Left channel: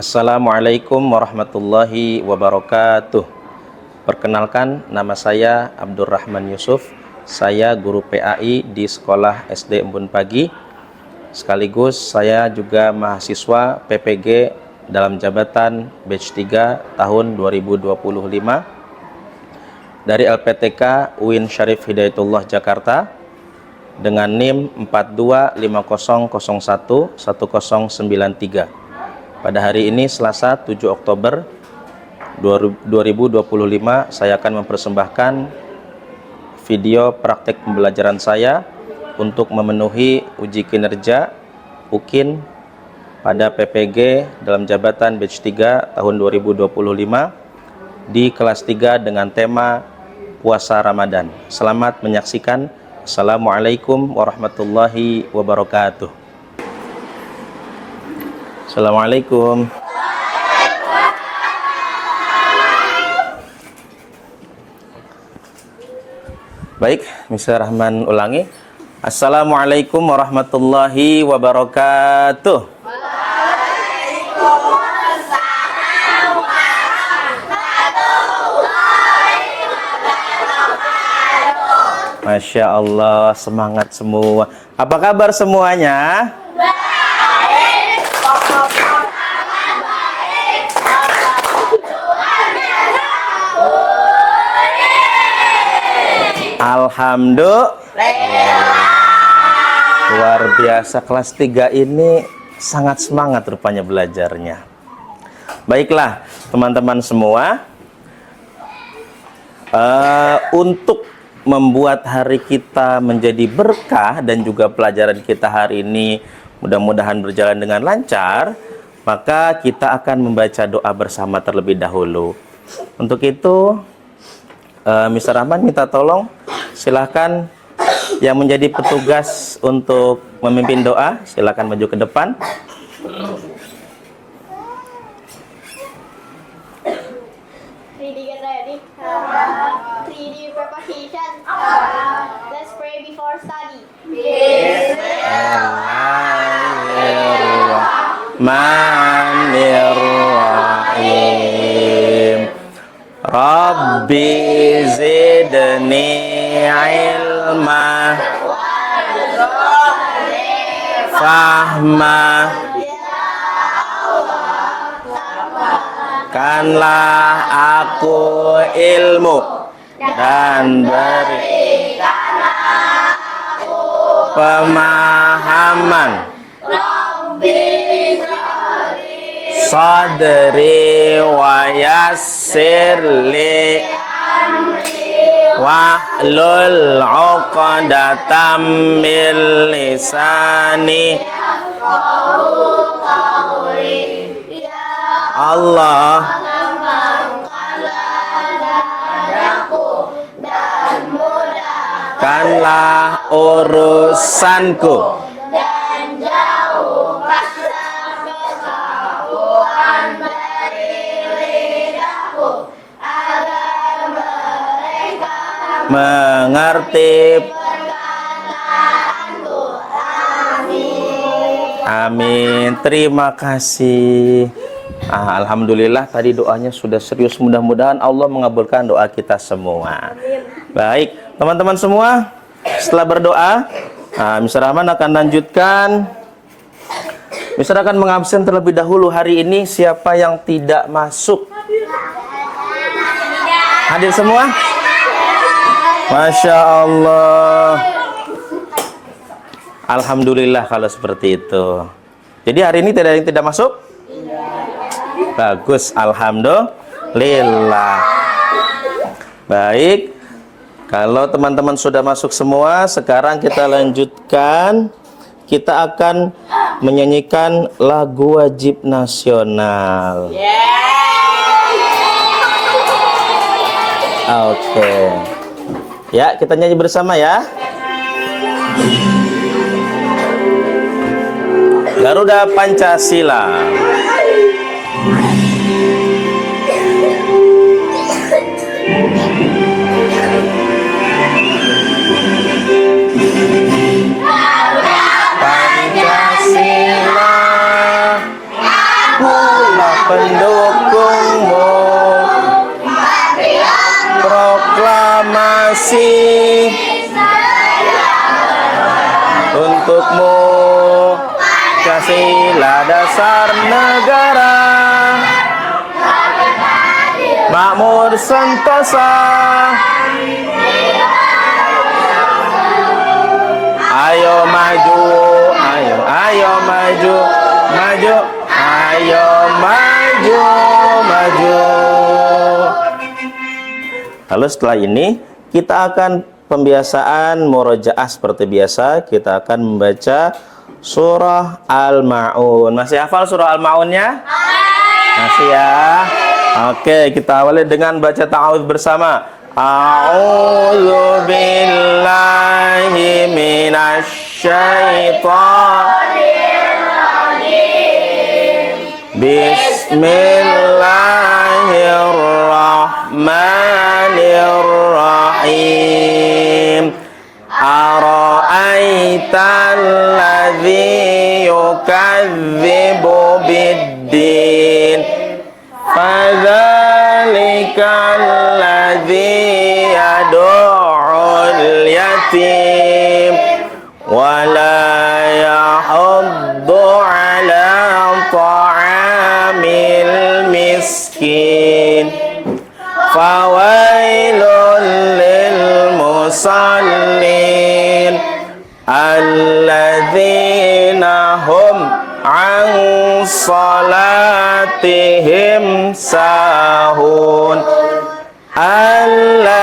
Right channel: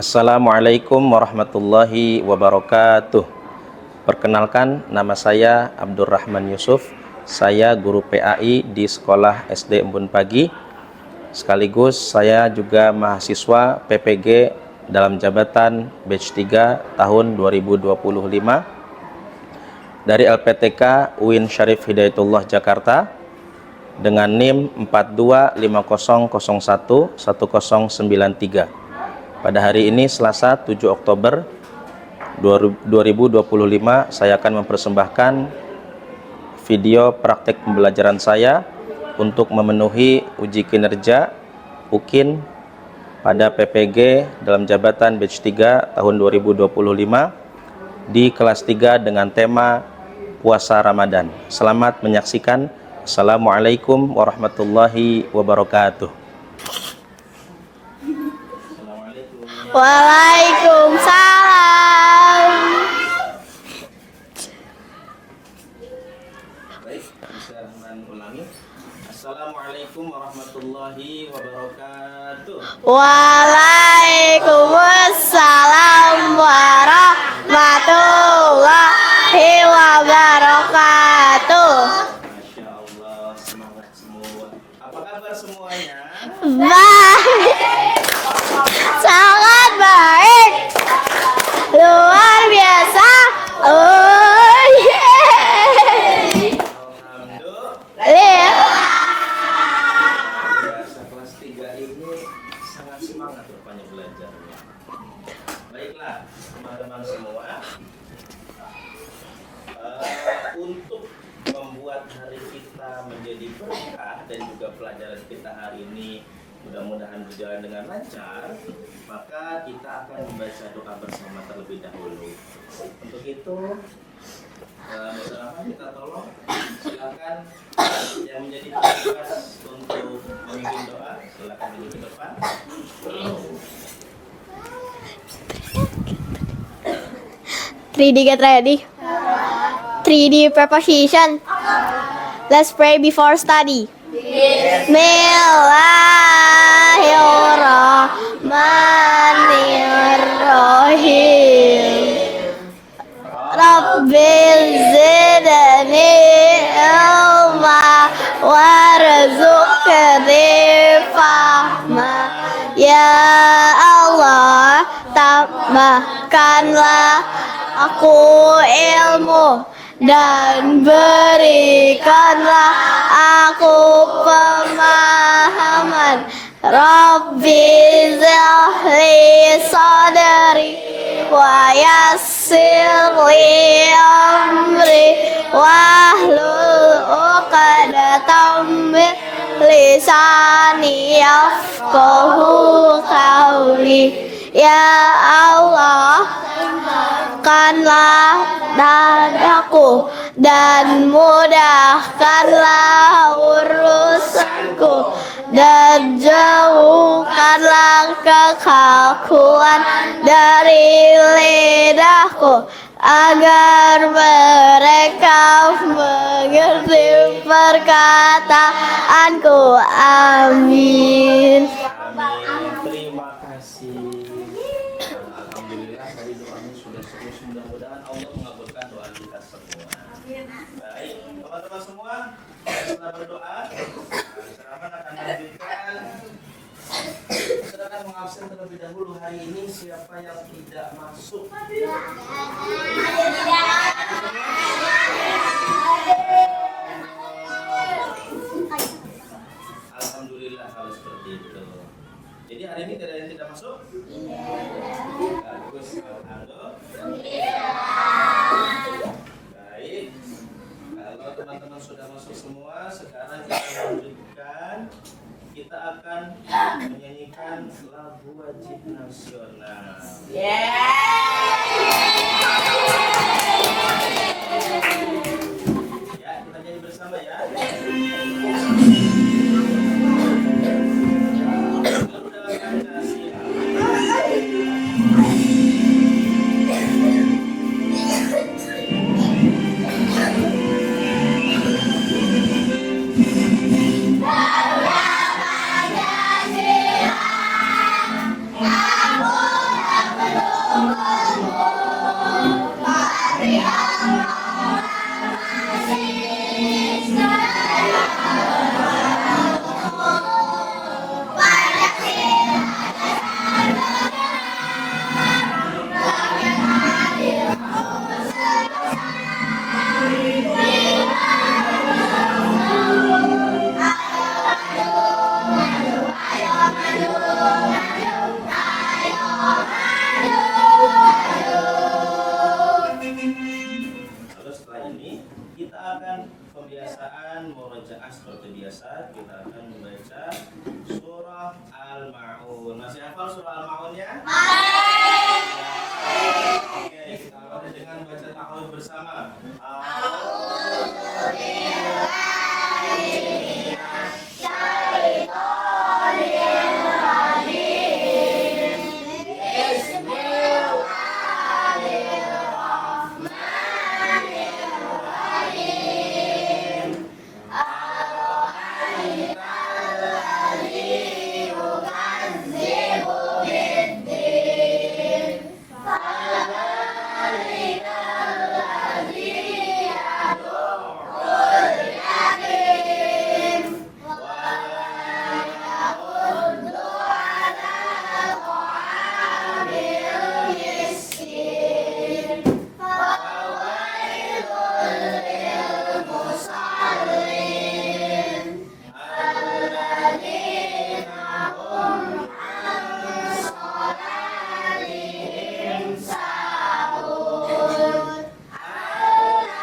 Assalamualaikum warahmatullahi wabarakatuh. Perkenalkan, nama saya Abdurrahman Yusuf. Saya guru PAI di Sekolah SD Embun Pagi. Sekaligus saya juga mahasiswa PPG dalam jabatan batch 3 tahun 2025 dari LPTK UIN Syarif Hidayatullah Jakarta dengan NIM 4250011093. Pada hari ini Selasa 7 Oktober 2025 saya akan mempersembahkan video praktek pembelajaran saya untuk memenuhi uji kinerja UKIN pada PPG dalam jabatan batch 3 tahun 2025 di kelas 3 dengan tema puasa Ramadan. Selamat menyaksikan. Assalamualaikum warahmatullahi wabarakatuh. Assalamualaikum. Waalaikumsalam. Baik, Mr. Rahman ulangi. Assalamualaikum warahmatullahi wabarakatuh. Waalaikumsalam warahmatullahi wabarakatuh. Masya Allah, semangat semua. Apa kabar semuanya? Baik. Sangat baik. Luar biasa. Alhamdulillah. Luar biasa, kelas 3 ini sangat semangat rupanya belajarnya. Baiklah teman-teman semua, untuk membuat hari kita menjadi berkah dan juga pelajaran kita hari ini mudah-mudahan berjalan dengan lancar, maka kita akan membaca doa bersama terlebih dahulu. Untuk itu Mr. Rahman minta tolong, silahkan yang menjadi petugas untuk memimpin doa, silahkan maju ke depan. Three get ready. 3D preposition. Let's pray before study. Bismillahirrahmanirrahim. Rabbi zidni ilma warzuqni fahma. Ya Allah, tambahkanlah aku ilmu dan berikanlah aku pemahaman. Rabbi zahli Sadri wa yassirli amri wahlul uqdatam min lisani yafqahu qawli. Ya Allah, tambahkanlah dadaku dan mudahkanlah urusanku dan jauhkanlah kekakuan dari lidahku agar mereka mengerti. perkataanku. Amin. Amin. Terima kasih. Alhamdulillah tadi doanya sudah serius. Mudah-mudahan Allah mengabulkan doa kita semua. Baik, teman-teman semua, setelah berdoa, Mr. Rahman akan lanjutkan. Mr. akan mengabsen terlebih dahulu hari ini siapa yang tidak masuk. Hadir semua? Masya Allah. Alhamdulillah kalau seperti itu. Jadi hari ini tidak ada yang tidak masuk? Bagus, alhamdulillah. Baik, kalau teman-teman sudah masuk semua, sekarang kita lanjutkan. Kita akan menyanyikan lagu wajib nasional. Oke. Ya, kita nyanyi bersama ya. Garuda Pancasila. Pancasila, makmur sentosa. Ayo maju, ayo maju, maju, ayo maju, maju. Lalu setelah ini kita akan pembiasaan murojaah seperti biasa. Kita akan membaca surah Al-Ma'un. Masih hafal surah Al-Ma'unnya? Masih ya? Oke, kita awali dengan baca ta'awudz bersama. A'udzu billahi minasy syaithanir rajim. Bismillahirrahmanirrahim. Ara'aital ladzi yukadzibu biddin. Fadzalikal ladzi yad'ul yatim wa la yahuddu 'ala ta'amil miskin. Fawailul lil musallin alladzina hum 'an salatihim sahun alladzina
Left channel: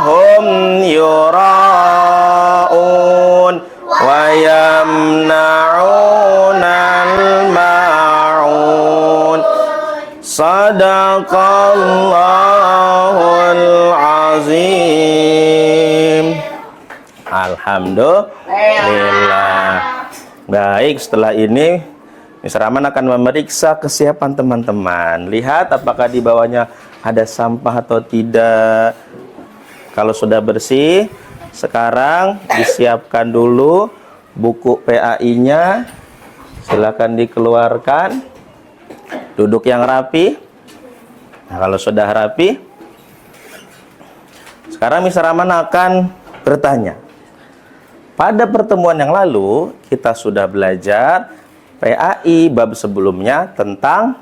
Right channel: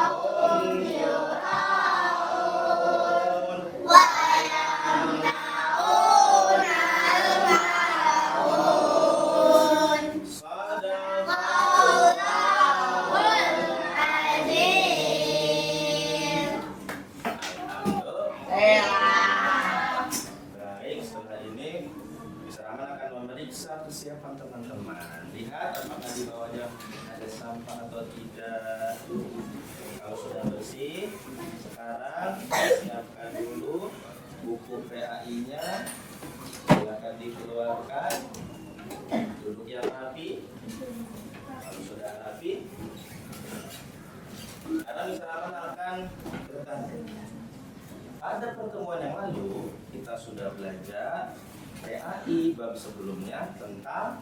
hum yura'un wa yamna'unal ma'un. Sadaqallahul azim. Alhamdulillah. Baik, setelah ini Miss Rahman akan memeriksa kesiapan teman-teman. Lihat apakah di bawahnya ada sampah atau tidak. Kalau sudah bersih, sekarang disiapkan dulu buku PAI-nya. Silakan dikeluarkan. Duduk yang rapi. Nah, kalau sudah rapi, sekarang Miss Rahman akan bertanya. Pada pertemuan yang lalu, kita sudah belajar PAI bab sebelumnya tentang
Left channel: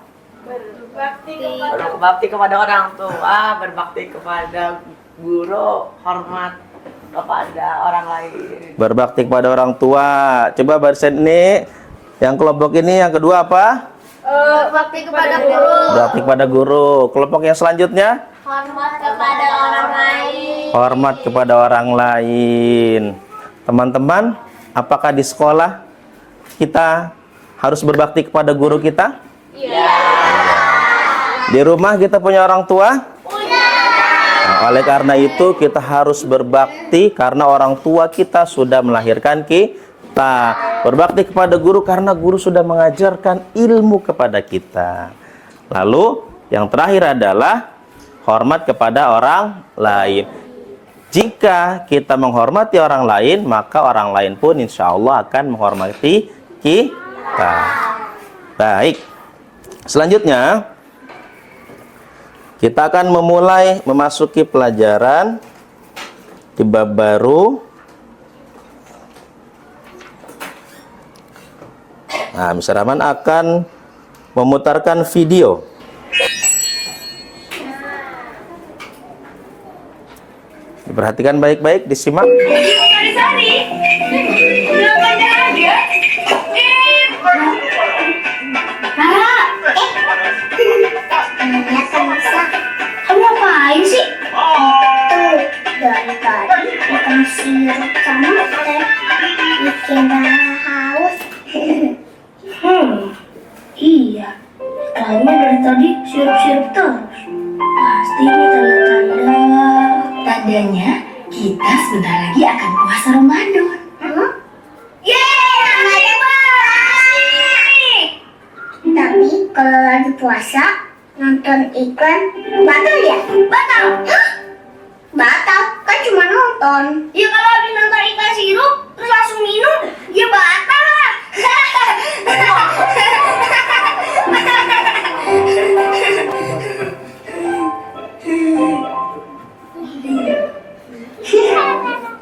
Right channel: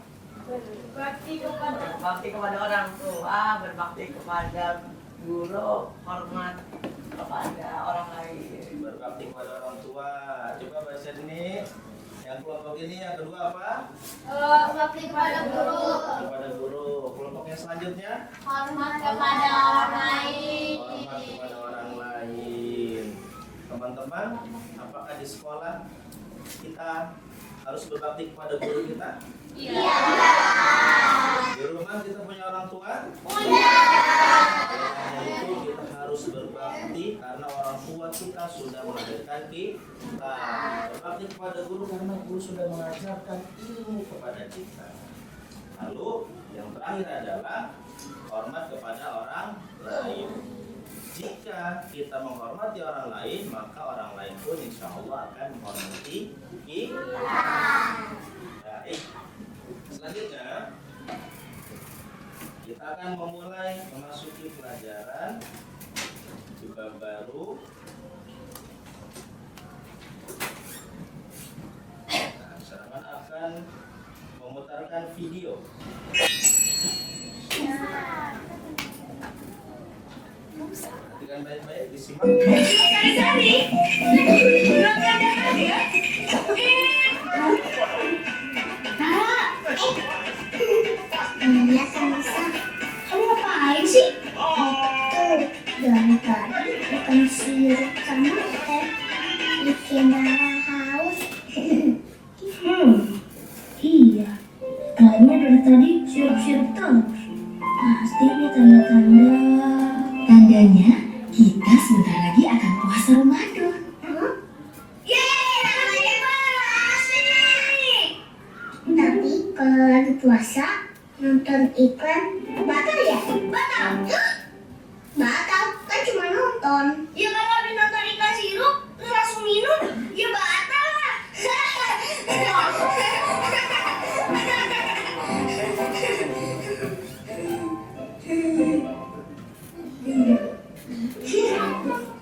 berbakti kepada orang tua, berbakti kepada guru, hormat kepada orang lain. berbakti kepada orang tua. Coba barisan ini, yang kelompok ini yang kedua apa? Bakti kepada guru. Berbakti kepada guru. Kelompok yang selanjutnya? Hormat kepada orang lain. Hormat kepada orang lain. Teman-teman, apakah di sekolah kita harus berbakti kepada guru kita? Iya. Di rumah kita punya orang tua? Nah, oleh karena itu kita harus berbakti karena orang tua kita sudah melahirkan kita. Berbakti kepada guru karena guru sudah mengajarkan ilmu kepada kita. Lalu yang terakhir adalah hormat kepada orang lain. Jika kita menghormati orang lain, maka orang lain pun insya Allah akan menghormati kita. Baik. Selanjutnya, kita akan memasuki pelajaran di bab baru. Nah, Miss Rahman akan memutarkan video. Perhatikan baik-baik, disimak. Kamu ngapain sih? Itu dari tadi ikan sirup sama teh bikin haus. Iya. Kayaknya dari tadi sirup-sirup terus. Pasti ini tanda-tanda. Tandanya kita sebentar lagi akan puasa Ramadan. Yeay, tandanya nih. Tapi kalau lagi puasa nonton iklan batal ya? Batal. Batal kan cuma nonton. Ya kalau habis nonton iklan sirup terus langsung minum, ya batal lah.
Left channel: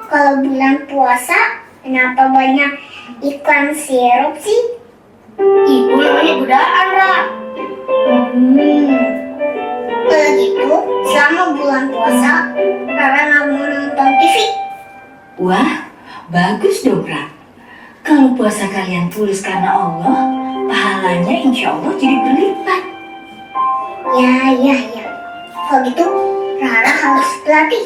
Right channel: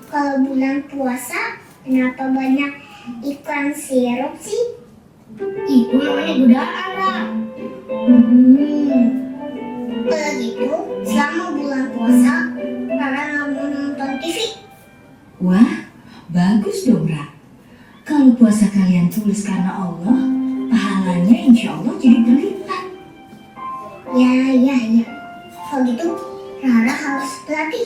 Kalau bulan puasa, kenapa banyak iklan sirup sih? Itu namanya godaan, Ra. Kalau gitu, selama bulan puasa, Rara nggak mau nonton TV. Wah, bagus dong, Ra. Kalau puasa kalian tulus karena Allah, pahalanya insya Allah jadi berlipat. Ya. Kalau gitu, Rara harus berlatih.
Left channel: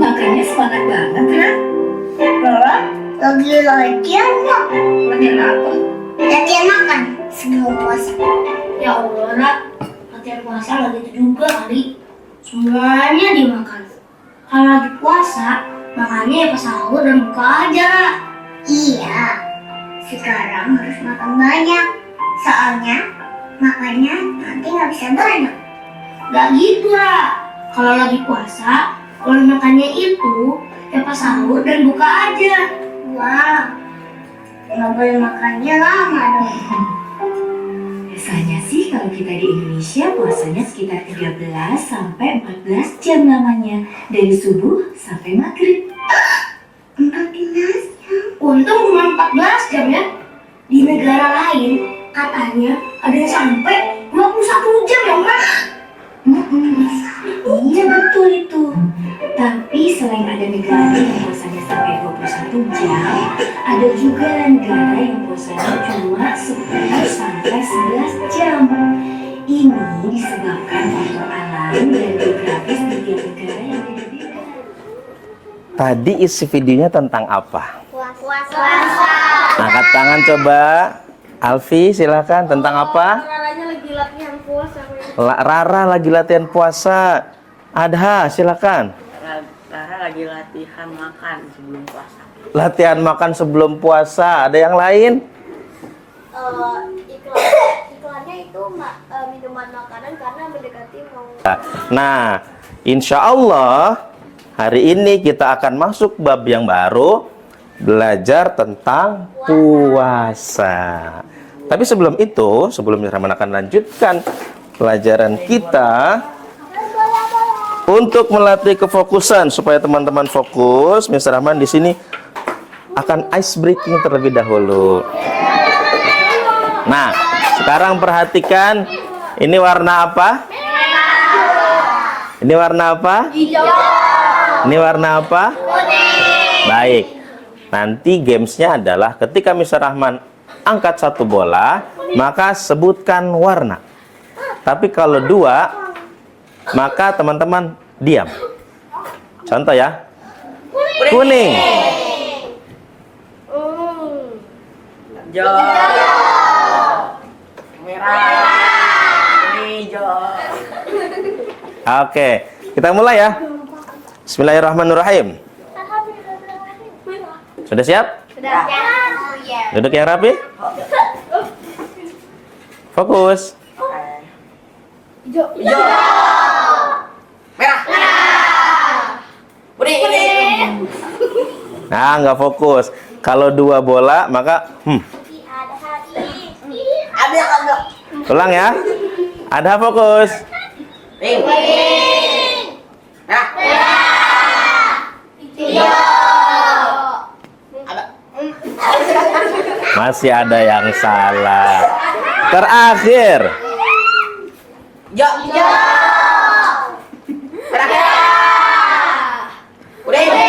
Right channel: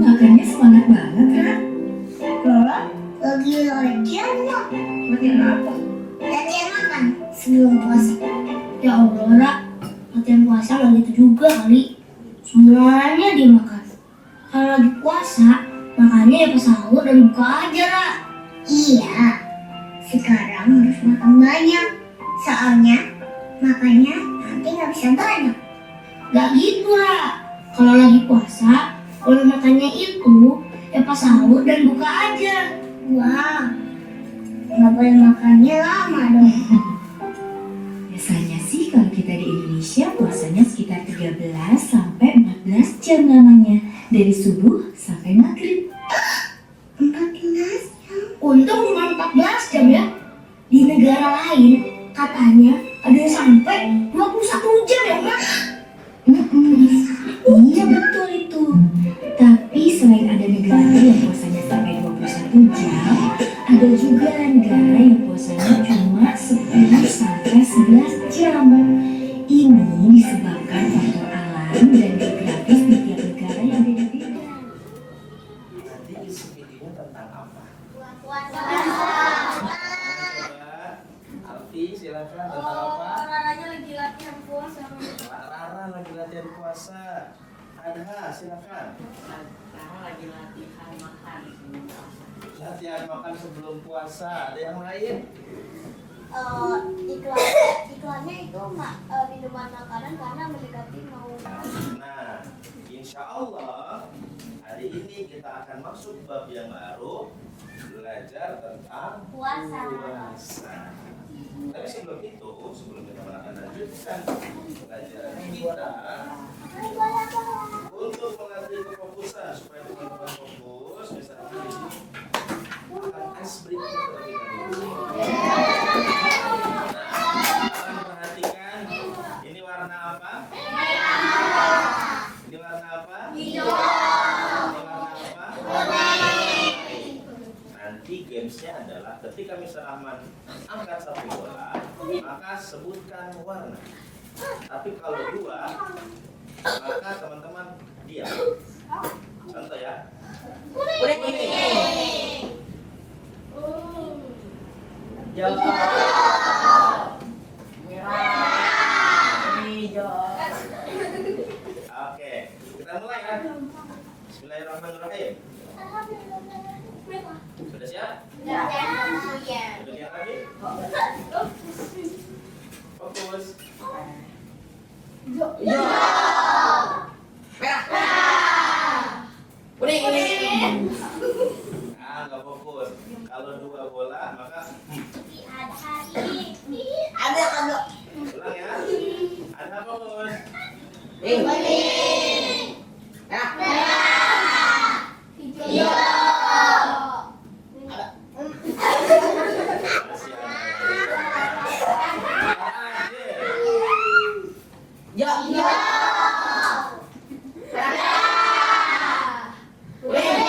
Makannya semangat banget, Ra. Rara lagi latihan nggak? Makan apa? Latihan makan sebelum puasa. Ya Allah, Ra. Latihan puasa lagi itu juga kali. Semuanya dimakan. Kalau lagi puasa, makannya ya pas sahur dan buka aja, Ra. Iya, sekarang harus makan banyak. Soalnya makannya nanti nggak bisa banyak. Gak gitu, Ra. Kalau lagi puasa, kalau makannya itu ya pas sahur dan buka aja. Wah, nggak boleh makannya lama dong. Biasanya sih kalau kita di Indonesia puasanya sekitar 13 sampai 14 jam lamanya. Dari subuh sampai maghrib. 14 jam. Untung cuma 14 jam ya. Di negara lain katanya ada yang sampai 21 jam ya, Mas. Iya betul itu. Tapi selain ada negara yang puasanya sampai 21 jam, ada juga negara yang puasanya cuma 10 sampai 11 jam. Ini disebabkan faktor alam dan geografis di tiap negara yang beda-beda. Tadi isi videonya tentang apa? Puasa. Angkat tangan coba. Alfi, silakan. Tentang apa? Raranya lagi latihan puasa. Rara lagi latihan puasa. Adha, silakan. Rara lagi latihan makan sebelum puasa. Latihan makan sebelum puasa. Ada yang lain? Iklannya itu minuman makanan karena mendekati mau. Nah, insya Allah hari ini kita akan masuk bab yang baru, belajar tentang puasa. Tapi sebelum itu, sebelum Rahman akan lanjutkan pelajaran kita, untuk melatih kefokusan supaya teman-teman fokus, Mr. Rahman di sini akan ice breaking terlebih dahulu. Nah, sekarang perhatikan, ini warna apa? Ini warna apa? Ini warna apa? Baik. Nanti gamesnya adalah ketika Mr. Rahman angkat satu bola, maka sebutkan warna. Tapi kalau dua, maka teman-teman diam. Contoh ya. Kuning. Hijau. Merah. Hijau. Oke, kita mulai ya. Bismillahirrahmanirrahim. Sudah siap? Duduk yang rapi. Fokus. Hijau. Merah. Kuning. Nah, nggak fokus. Kalau dua bola, maka Ada. ulang ya. Ada fokus. Pink. Merah. Masih ada yang salah. Terakhir. Hijau. Merah. Kuning.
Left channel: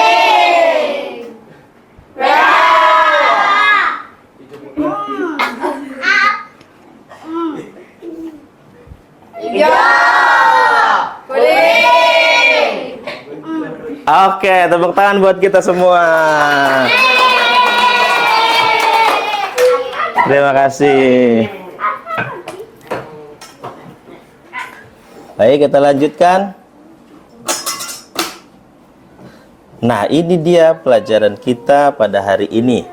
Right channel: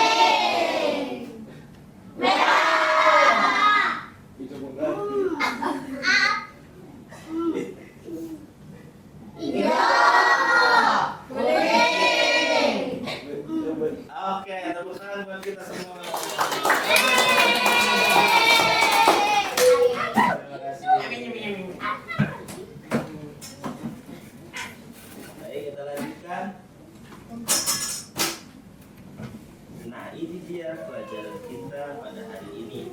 Oke, tepuk tangan buat kita semua. Terima kasih. Baik, kita lanjutkan. Nah, ini dia pelajaran kita pada hari ini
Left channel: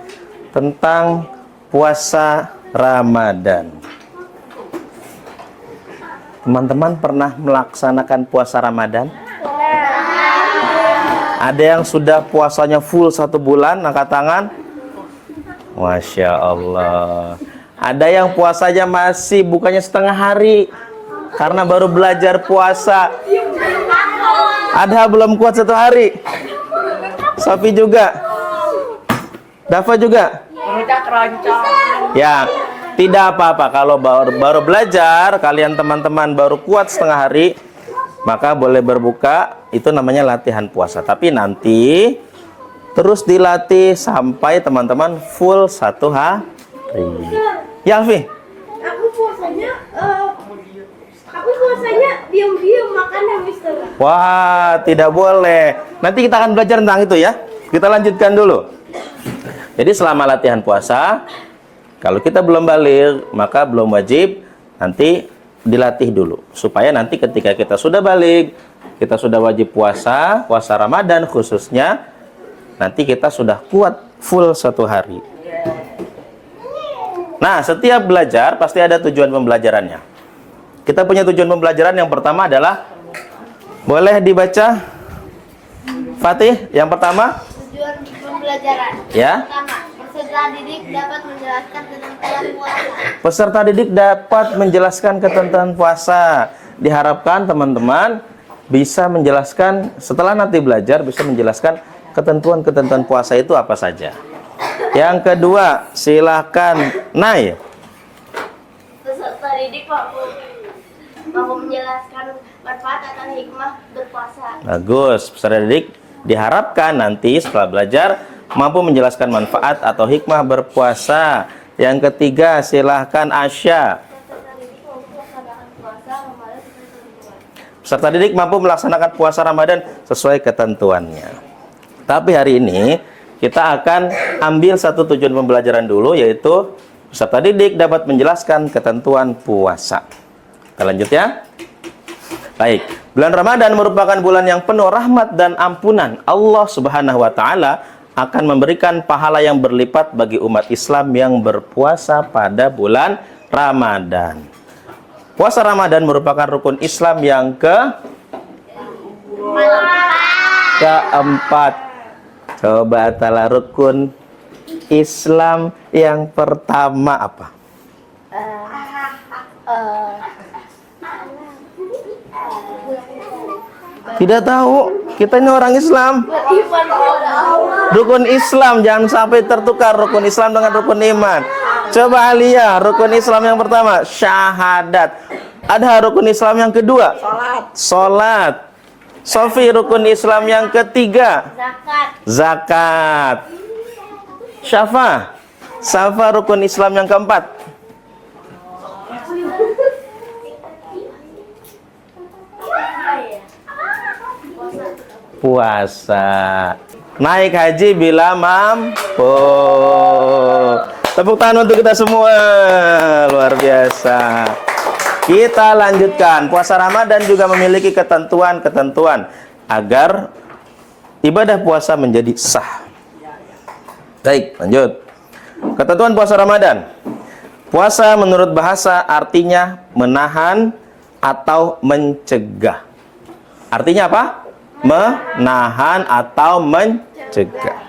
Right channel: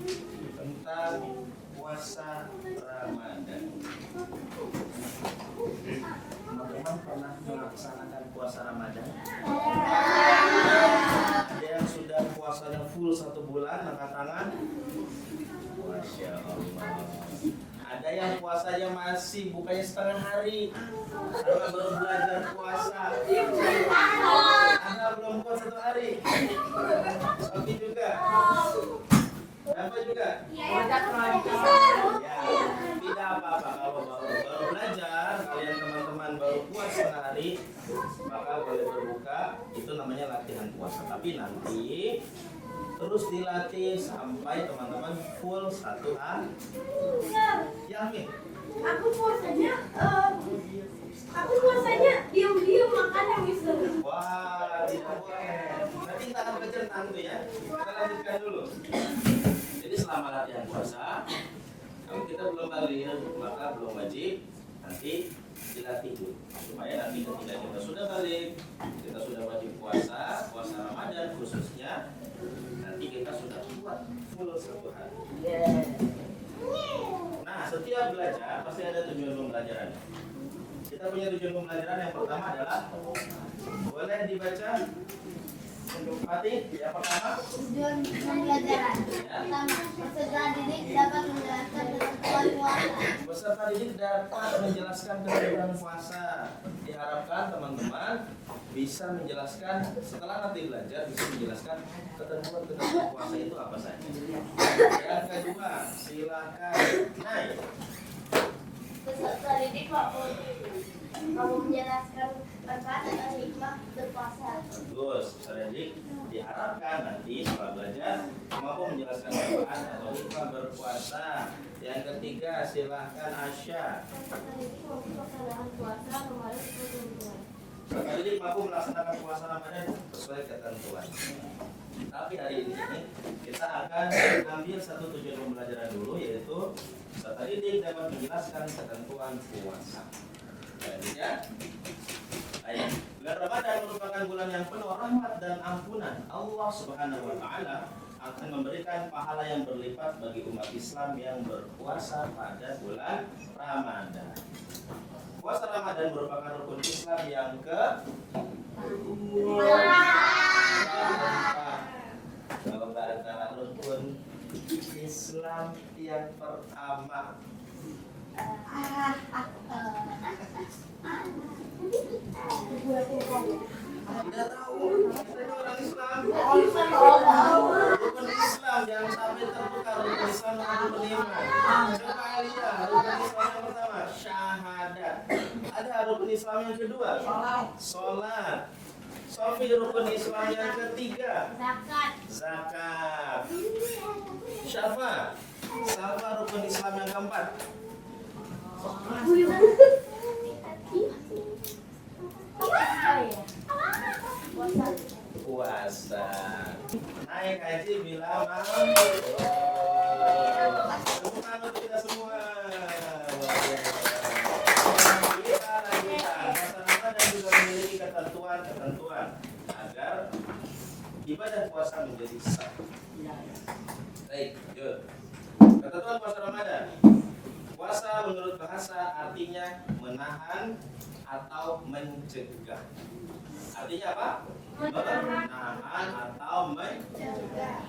tentang puasa Ramadan. Teman-teman pernah melaksanakan puasa Ramadan? Ada yang sudah puasanya full 1 bulan, angkat tangan. Masya Allah. Ada yang puasanya masih bukannya setengah hari, Karena baru belajar puasa. Adha belum kuat 1 hari. Sofi juga. Dafa juga. Udah keroncong. Ya, tidak apa-apa kalau baru belajar, kalian teman-teman baru kuat 1/2 hari, maka boleh berbuka, itu namanya latihan puasa. Tapi nanti terus dilatih sampai teman-teman full 1 hari. Ya, Alfi? Aku puasanya diam-diam makannya, Mister. Wah, tidak boleh. Nanti kita akan belajar tentang itu ya. Kita lanjutkan dulu. Jadi selama latihan puasa, kalau kita belum balik, maka belum wajib, nanti dilatih dulu. Supaya nanti ketika kita sudah balik, kita sudah wajib puasa, puasa Ramadan khususnya, nanti kita sudah kuat full 1 hari. Nah, setiap belajar pasti ada tujuan pembelajarannya. Kita punya tujuan pembelajaran yang pertama adalah, boleh dibaca Fatih yang pertama? Tujuan pembelajaran. Ya. Pertama, peserta didik dapat menjelaskan ketentuan puasa. Peserta didik dapat menjelaskan ketentuan puasa. Diharapkan teman-teman bisa menjelaskan, setelah nanti belajar, bisa menjelaskan ketentuan-ketentuan puasa itu apa saja. Yang kedua, silakan Nay. Peserta didik mampu menjelaskan manfaat dan hikmah berpuasa. Bagus, peserta didik diharapkan nanti setelah belajar mampu menjelaskan manfaat atau hikmah berpuasa. Yang ketiga, silahkan Asya. Peserta didik mampu melaksanakan puasa Ramadan sesuai ketentuannya. Tapi hari ini kita akan ambil satu tujuan pembelajaran dulu, yaitu peserta didik dapat menjelaskan ketentuan puasa. Kita lanjut ya. Baik, bulan Ramadan merupakan bulan yang penuh rahmat dan ampunan. Allah Subhanahu wa taala akan memberikan pahala yang berlipat bagi umat Islam yang berpuasa pada bulan Ramadan. Puasa Ramadan merupakan rukun Islam yang keempat. Coba tala rukun Islam yang pertama apa? Tidak tahu. Kita ini orang Islam. Rukun Islam, jangan sampai tertukar rukun Islam dengan rukun iman. Coba Alia, rukun Islam yang pertama syahadat. Ada rukun Islam yang kedua? Salat. Sofi, rukun Islam yang ketiga? Zakat. Syafa, rukun Islam yang keempat? Puasa. Naik haji bila mampu. Tepuk tangan untuk kita semua. Luar biasa. Kita lanjutkan. Puasa Ramadan juga memiliki ketentuan-ketentuan agar ibadah puasa menjadi sah. Baik, lanjut. Ketentuan puasa Ramadan. Puasa menurut bahasa artinya menahan atau mencegah. Artinya apa? Menahan atau mencegah.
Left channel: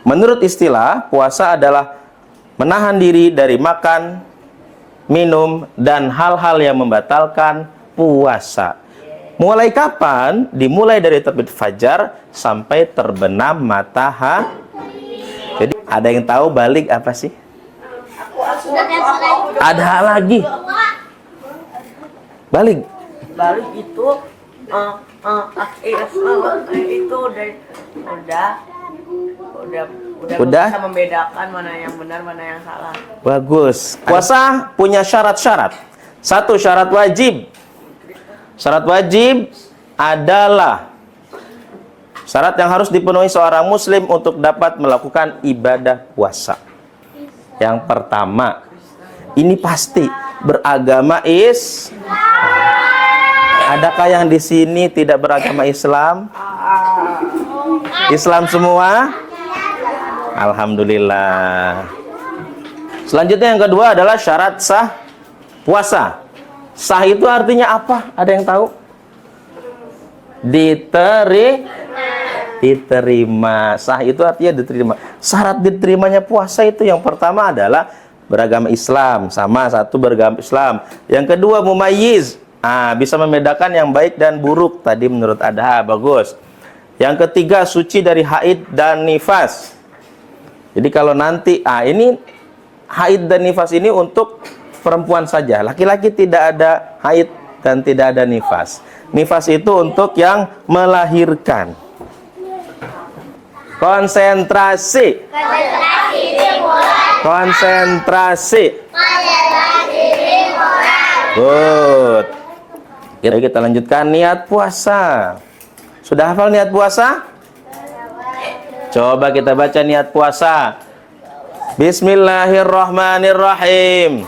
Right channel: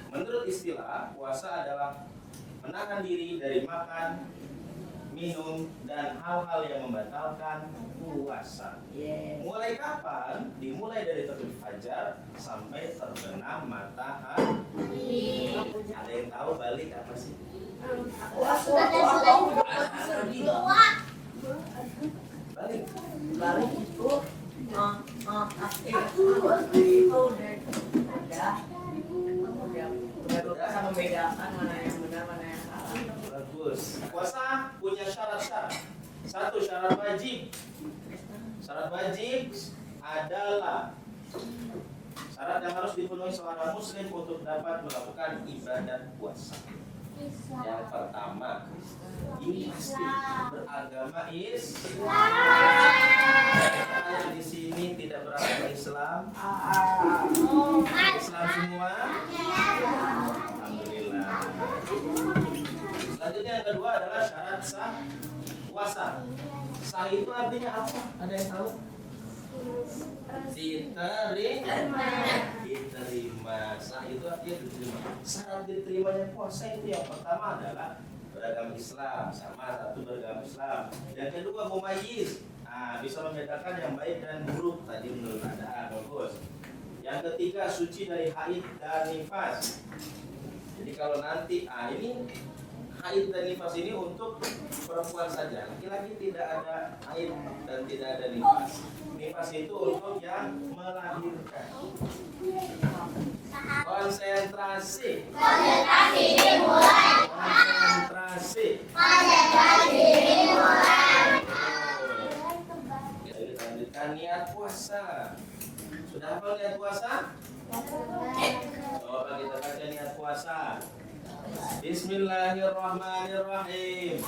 Menurut istilah, puasa adalah menahan diri dari makan, minum, dan hal-hal yang membatalkan puasa. Mulai kapan? Dimulai dari terbit fajar sampai terbenam matahari. Jadi ada yang tahu balik apa sih? Ada lagi. Balik. Balik itu itu udah bisa membedakan mana yang benar, mana yang salah. Bagus. Puasa punya syarat-syarat. Satu, syarat wajib. Syarat wajib adalah syarat yang harus dipenuhi seorang muslim untuk dapat melakukan ibadah puasa. Yang pertama, ini pasti beragama Adakah yang di sini tidak beragama Islam? Islam semua? Alhamdulillah. Selanjutnya yang kedua adalah syarat sah puasa. Sah itu artinya apa? Ada yang tahu? Diterima. Sah itu artinya diterima. Syarat diterimanya puasa itu yang pertama adalah beragama Islam, sama satu beragama Islam. Yang kedua mumayyiz, bisa membedakan yang baik dan buruk tadi menurut Adha, bagus. Yang ketiga suci dari haid dan nifas. Jadi kalau nanti ini haid dan nifas ini untuk perempuan saja, laki-laki tidak ada haid dan tidak ada nifas. Nifas itu untuk yang melahirkan. Konsentrasi. Konsentrasi. Good. Kita lanjutkan niat puasa. Sudah hafal niat puasa? Coba kita baca niat puasa. Bismillahirrahmanirrahim.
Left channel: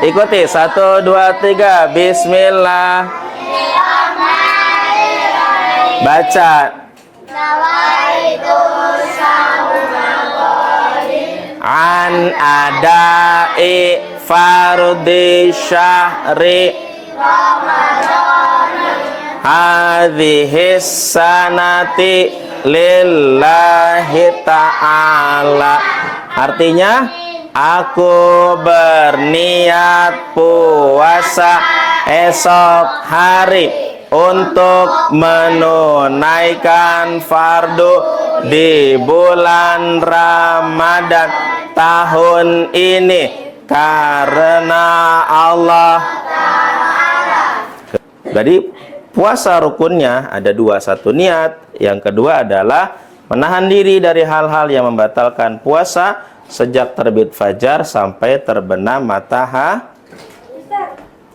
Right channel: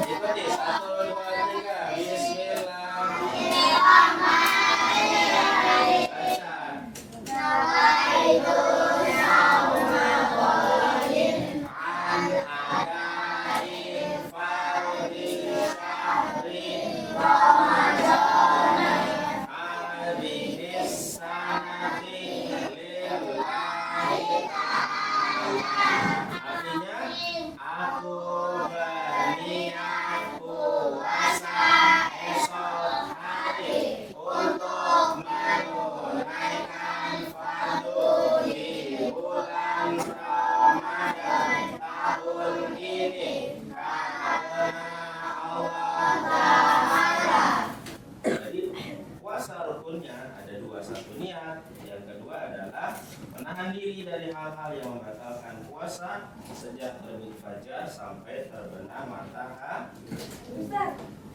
Ikuti 1, 2, 3. Bismillah. Baca. An adai fardhi syahri hadhis sanati lillahi ta'ala. Artinya, aku berniat puasa esok hari untuk menunaikan fardu di bulan Ramadan tahun ini karena Allah. Jadi puasa rukunnya ada dua, satu niat, yang kedua adalah menahan diri dari hal-hal yang membatalkan puasa sejak terbit fajar sampai terbenam matahari.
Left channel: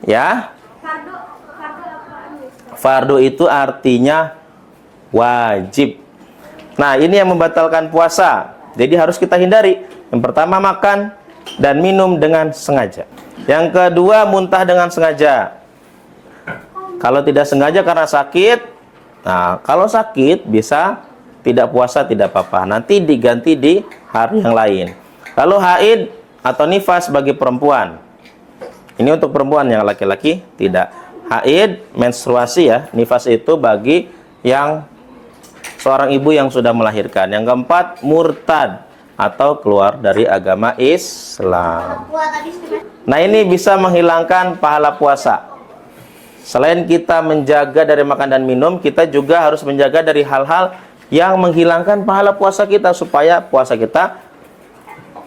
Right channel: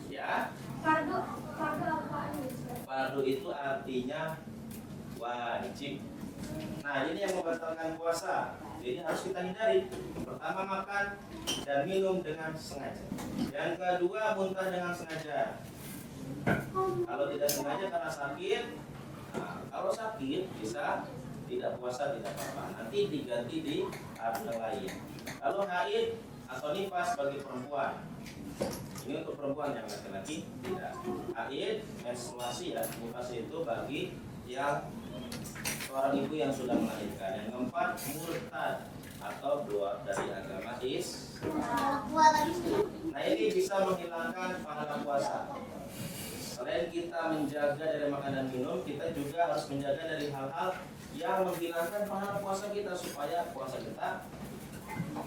Ya. Fardu itu artinya wajib. Nah, ini yang membatalkan puasa. Jadi harus kita hindari. Yang pertama makan dan minum dengan sengaja. Yang kedua muntah dengan sengaja. Kalau tidak sengaja karena sakit, nah kalau sakit bisa tidak puasa tidak apa-apa. Nanti diganti di hari yang lain. Kalau haid atau nifas bagi perempuan. Ini untuk perempuan, yang laki-laki tidak. Haid, menstruasi ya. Nifas itu bagi yang seorang ibu yang sudah melahirkan. Yang keempat, murtad atau keluar dari agama Islam. Nah, ini bisa menghilangkan pahala puasa. Selain kita menjaga dari makan dan minum, kita juga harus menjaga dari hal-hal yang menghilangkan pahala puasa kita, supaya puasa kita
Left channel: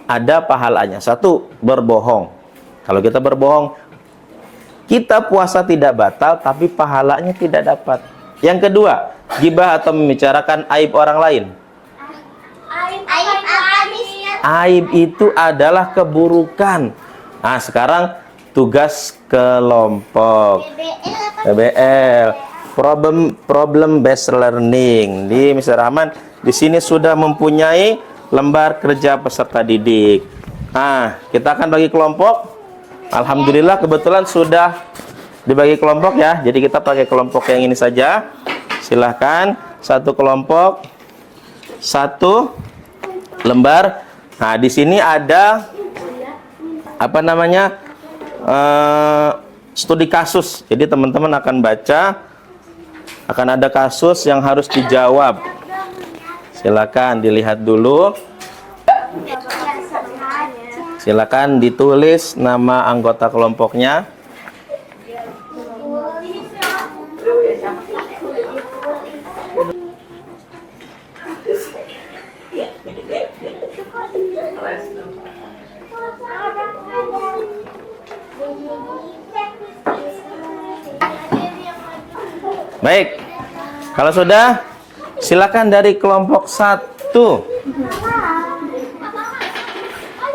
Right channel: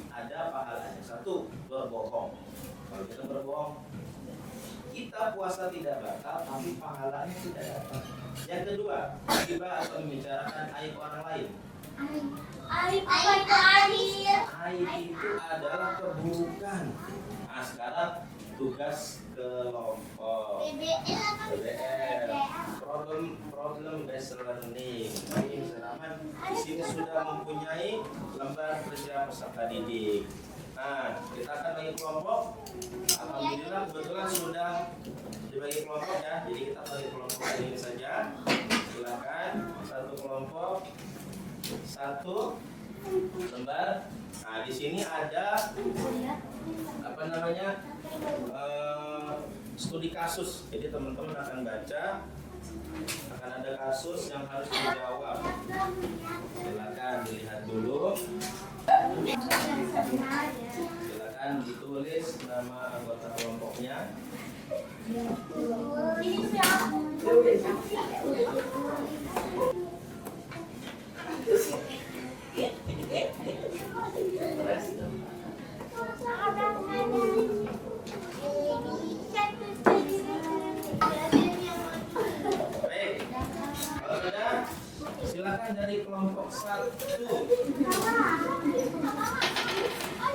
ada pahalanya. Satu, berbohong. Kalau kita berbohong, kita puasa tidak batal, tapi pahalanya tidak dapat. Yang kedua, gibah atau membicarakan aib orang lain. Aib itu adalah keburukan. Nah, sekarang tugas kelompok PBL, problem based learning di Mr. Rahman. Di sini sudah mempunyai lembar kerja peserta didik. Nah, kita akan bagi kelompok. Alhamdulillah kebetulan sudah dibagi kelompok ya. Jadi kita pakai kelompok yang ini saja. Silahkan, satu kelompok, satu lembar. Nah, di sini ada apa namanya? Studi kasus. Jadi teman-teman akan baca, akan ada kasus yang harus dijawab. Silakan dilihat dulu. Silakan ditulis nama anggota kelompoknya. Baik, kalau sudah, silakan dari kelompok 1.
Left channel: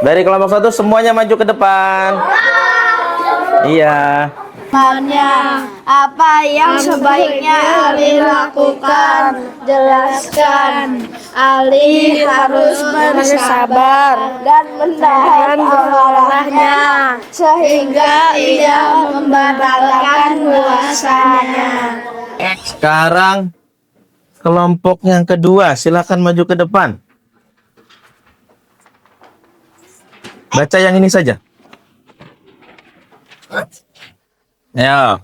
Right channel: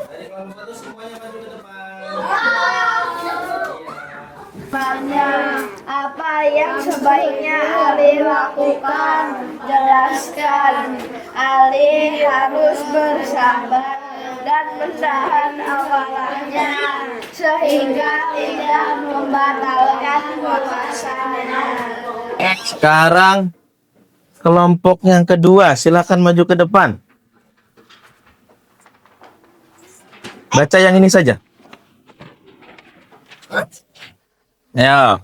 Dari kelompok 1 semuanya maju ke depan. Iya. Apa yang sebaiknya Ali lakukan? Jelaskan. Ali harus bersabar dan menahan amarahnya sehingga ia membatalkan puasanya. Sekarang kelompok yang kedua, silakan maju ke depan. Baca yang ini saja. Ya.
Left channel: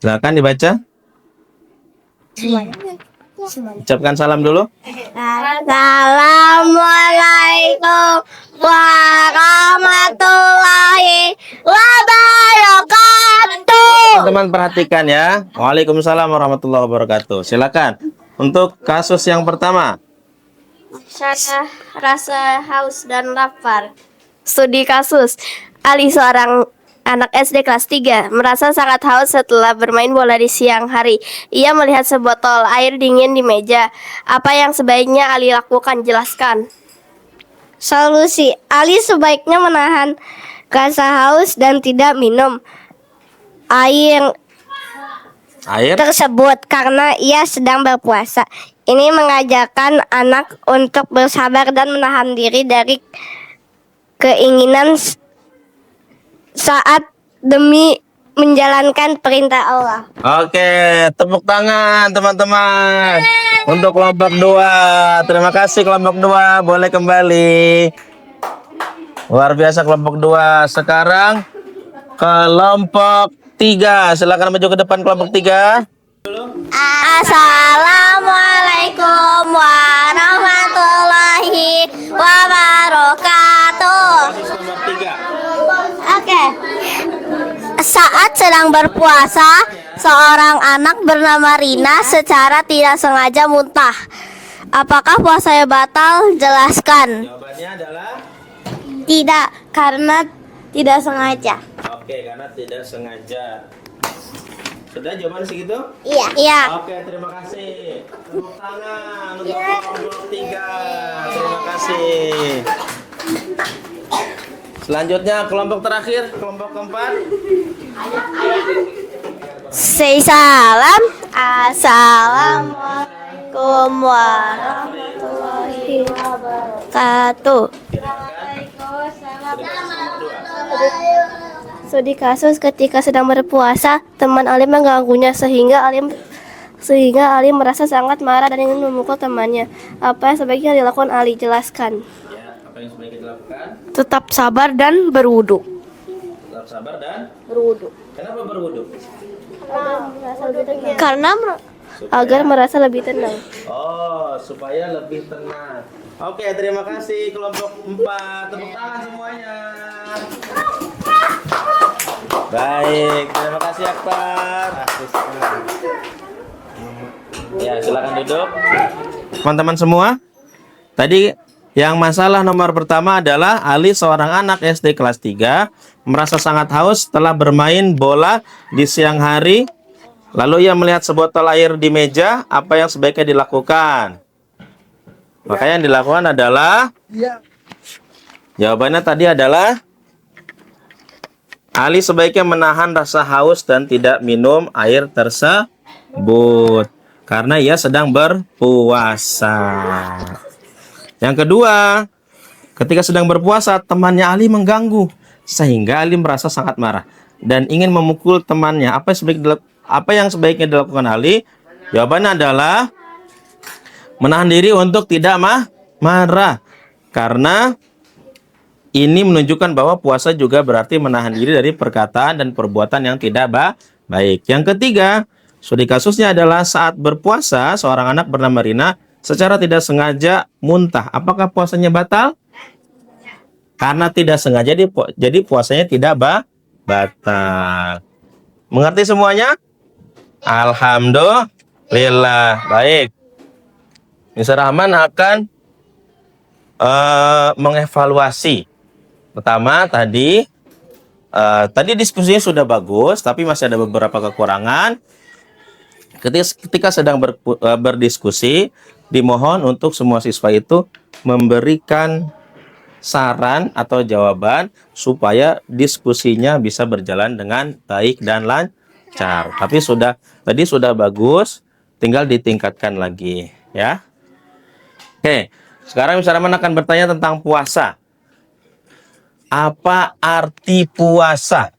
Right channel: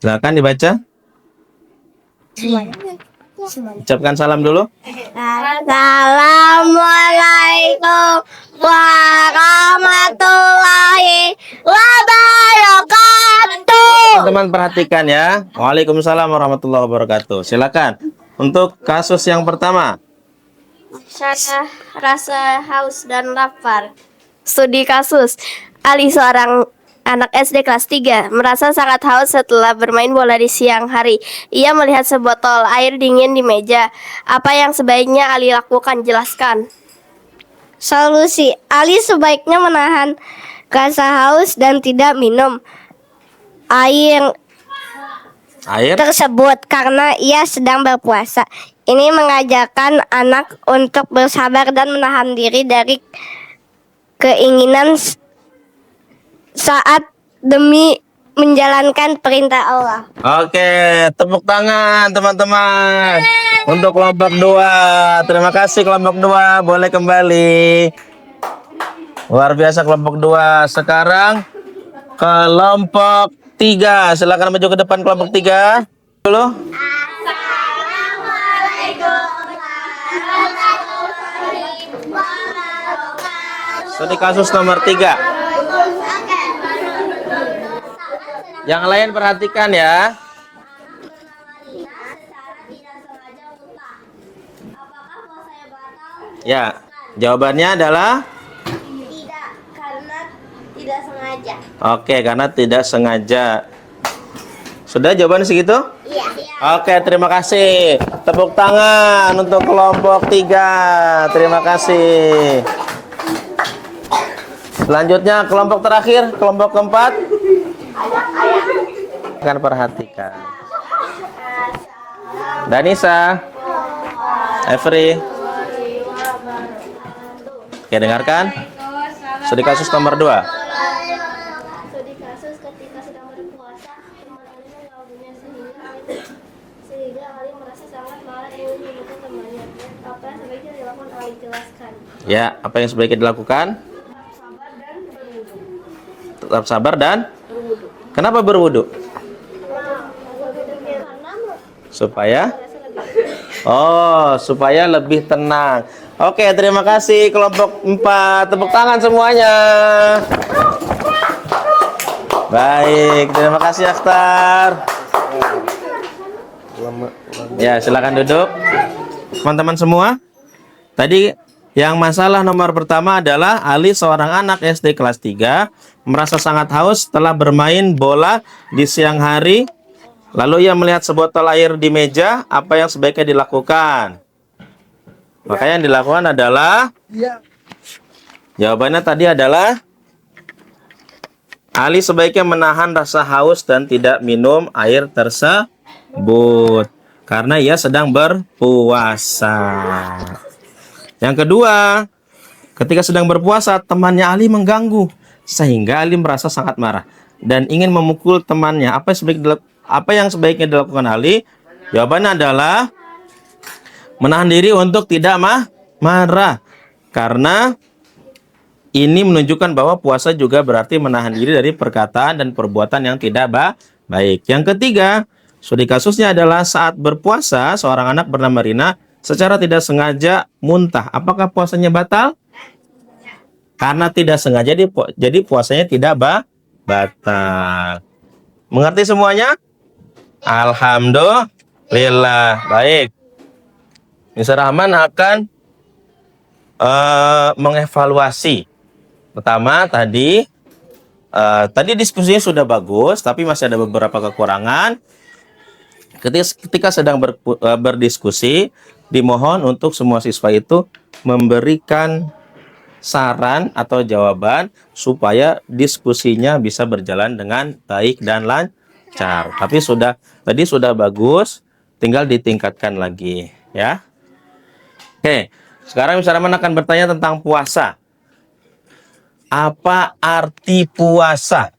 Silakan dibaca. Ucapkan salam dulu. Assalamualaikum warahmatullahi wabarakatuh. Teman-teman perhatikan ya. Waalaikumsalam warahmatullahi wabarakatuh. Silakan. Untuk kasus yang pertama. Saya rasa haus dan lapar. Studi kasus. Ali seorang anak SD kelas 3 merasa sangat haus setelah bermain bola di siang hari. Ia melihat sebotol air dingin di meja. Apa yang sebaiknya Ali lakukan? Jelaskan. Solusi, Ali sebaiknya menahan rasa haus dan tidak minum air tersebut karena ia sedang berpuasa. Ini mengajarkan anak untuk bersabar dan menahan diri dari keinginan saat demi menjalankan perintah Allah. Oke, tepuk tangan teman-teman. Untuk kelompok 2. Terima kasih kelompok 2. Boleh kembali. Luar biasa kelompok 2. Sekarang kelompok 3. Silakan maju ke depan kelompok 3. Dulu. Assalamualaikum warahmatullahi wabarakatuh. Ini kasus nomor 3. Oke. Saat sedang Yang lain berpuasa, perhatikan ya. seorang anak bernama Rina secara tidak sengaja muntah. Apakah puasanya batal? Jelaskan. Ya, jawabannya adalah Tidak, karena tidak sengaja. oke, karena tidak sengaja. Sudah jawaban segitu? Iya. Iya. Oke, terima kasih. Tepuk tangan untuk kelompok 3. Terima kasih. Selanjutnya kelompok terakhir, kelompok keempat. Kan perhatian. Say salam. Assalamualaikum Danisa, Every. wabarakatuh. Oke, dengarkan. Studi kasus nomor 2. Studi kasus ketika sedang berpuasa, teman Ali mengganggunya sehingga Ali merasa sangat marah dan ingin memukul temannya. Apa yang sebaiknya dilakukan Ali? Jelaskan. Ya, apa yang sebaiknya dilakukan? Tetap sabar dan berwudu. Tetap sabar dan berwudu. Kenapa berwudu? Karena Supaya agar merasa lebih tenang. Oh, supaya lebih tenang. Oke, terima kasih kelompok 4. Tepuk tangan semuanya. Baik, terima kasih Akhtar. Ya, silakan duduk. Teman-teman semua, tadi yang masalah nomor pertama adalah Ali seorang anak SD kelas 3 merasa sangat haus setelah bermain bola di siang hari. Lalu ia melihat sebotol air di meja. Apa yang sebaiknya dilakukan? Maka yang dilakukan adalah jawabannya tadi adalah Ali sebaiknya menahan rasa haus dan tidak minum air tersebut karena ia sedang berpuasa. Yang kedua, ketika sedang berpuasa, temannya Ali mengganggu sehingga Ali merasa sangat marah dan ingin memukul temannya. Apa yang sebaiknya dilakukan Ali? Jawabannya adalah menahan diri untuk tidak marah karena ini menunjukkan bahwa puasa juga berarti menahan diri dari perkataan dan perbuatan yang tidak baik. Yang ketiga, studi kasusnya adalah saat berpuasa, seorang anak bernama Rina secara tidak sengaja muntah. Apakah puasanya batal? Karena tidak sengaja, jadi puasanya tidak batal. Mengerti semuanya? Alhamdulillah. Baik. Mr. Rahman akan mengevaluasi. Pertama, tadi diskusinya sudah bagus, tapi masih ada beberapa kekurangan. Ketika sedang berdiskusi, dimohon untuk semua siswa itu memberikan saran atau jawaban supaya diskusinya bisa berjalan dengan baik dan lancar. Tapi tadi sudah bagus, tinggal ditingkatkan lagi, ya. Oke, sekarang Mr. Rahman akan bertanya tentang puasa. Apa arti puasa?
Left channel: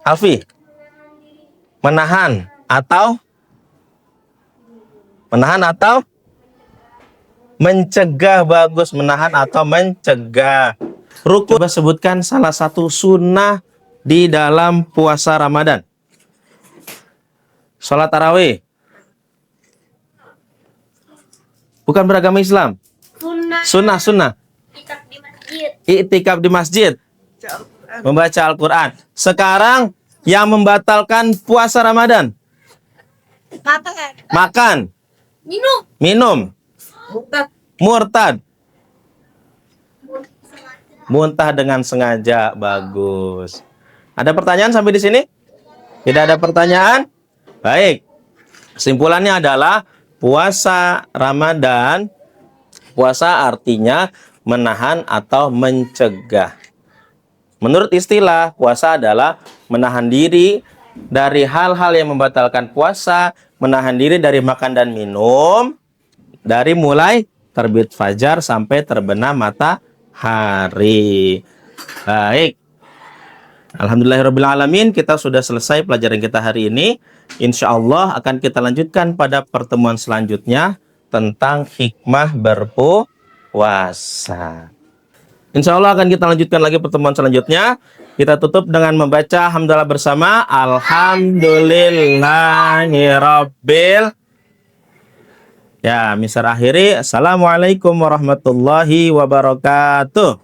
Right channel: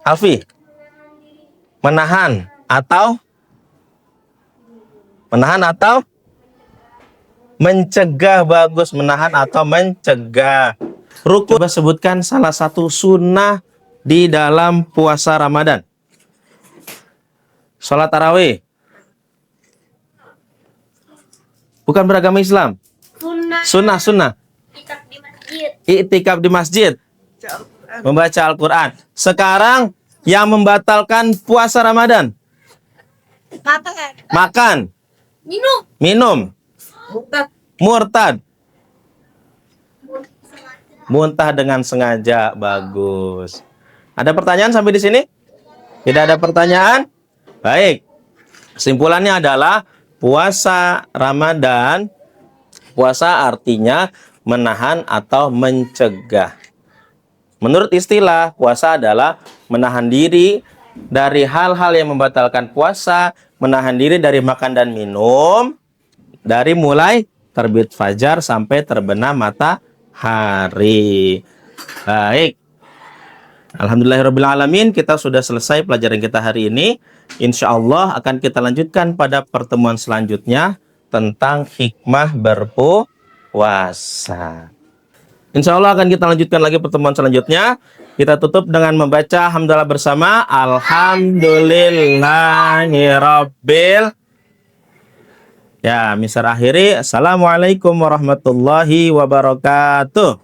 Alfi, menahan atau mencegah? Bagus, menahan atau mencegah. Rukun, coba sebutkan salah satu sunnah di dalam puasa Ramadan. Sholat tarawih. Bukan beragama Islam. Sunnah. Iktikaf di masjid. Membaca Al-Quran. Sekarang yang membatalkan puasa Ramadan. Makan. Minum. Murtad. Muntah dengan sengaja. Bagus. Ada pertanyaan sampai di sini? Tidak ada pertanyaan? Baik. Kesimpulannya adalah puasa Ramadan. Puasa artinya menahan atau mencegah. Menurut istilah, puasa adalah menahan diri dari hal-hal yang membatalkan puasa, menahan diri dari makan dan minum, dari mulai terbit fajar sampai terbenam matahari. Baik. Alhamdulillahirrabbilalamin, kita sudah selesai pelajaran kita hari ini. Insya Allah akan kita lanjutkan pada pertemuan selanjutnya tentang hikmah berpuasa. Insya Allah akan kita lanjutkan lagi pertemuan selanjutnya. Kita tutup dengan membaca hamdalah bersama. Alhamdulillahirabbil. Ya, misal akhiri. Assalamualaikum warahmatullahi wabarakatuh.